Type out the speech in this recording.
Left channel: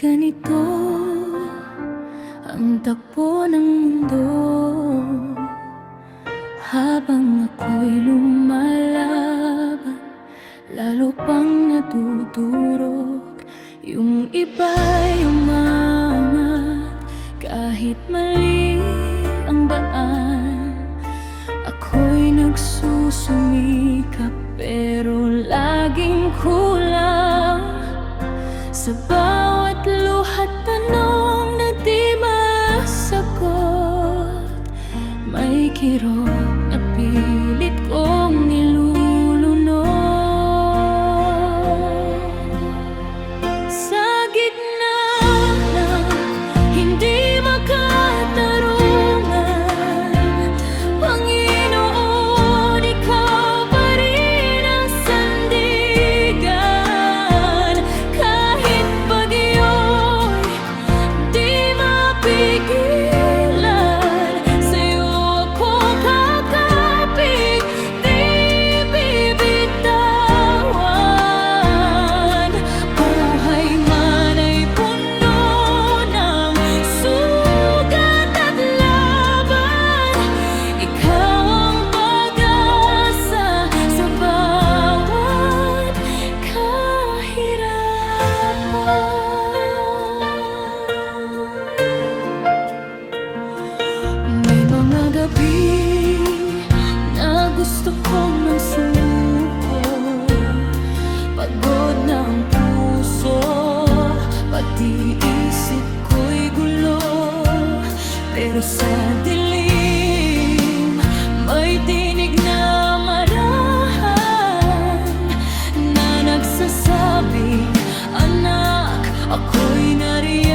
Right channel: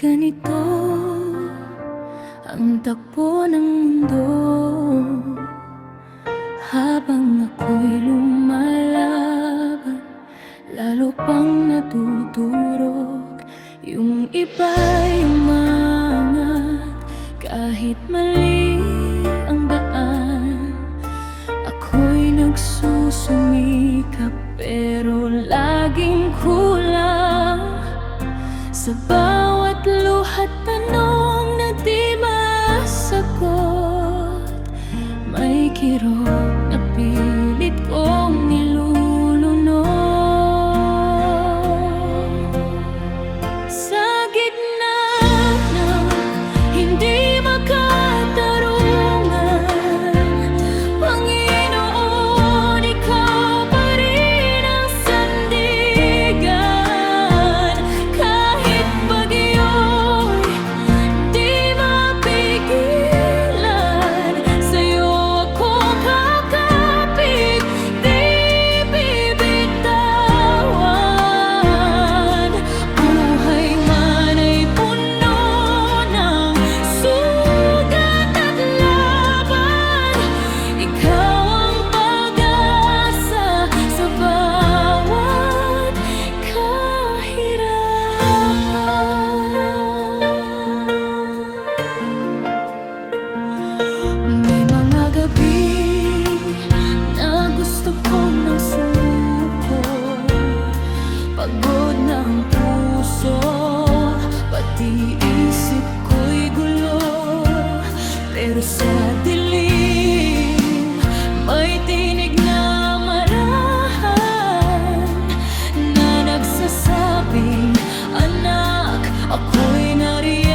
Ganito ang takbo ng mundo habang ako'y lumalaban, lalo pang natutulog. Yung iba'y umangat kahit mali ang daan. Ako'y nagsusumikap pero laging kulang. Sa bawat luha't tanong na di masagot, may kirot na pilit kong nilulunod. Sa gitna ng hindi makatarungan, Panginoon, Ikaw pa rin ang sandigan. Kahit bagyo'y di mapigilan, sa'yo ako kakapit, di bibitawan. Buhay man ay puno ng sugat at laban, Ikaw ang pag-asa sa bawat kahirapan. May mga gabi na gusto ko nang sumuko, pagod na ang puso, pati isip ko'y gulo. Pero sa dilim, may tinig na marahan na nagsasabing, anak, ako'y nariyan.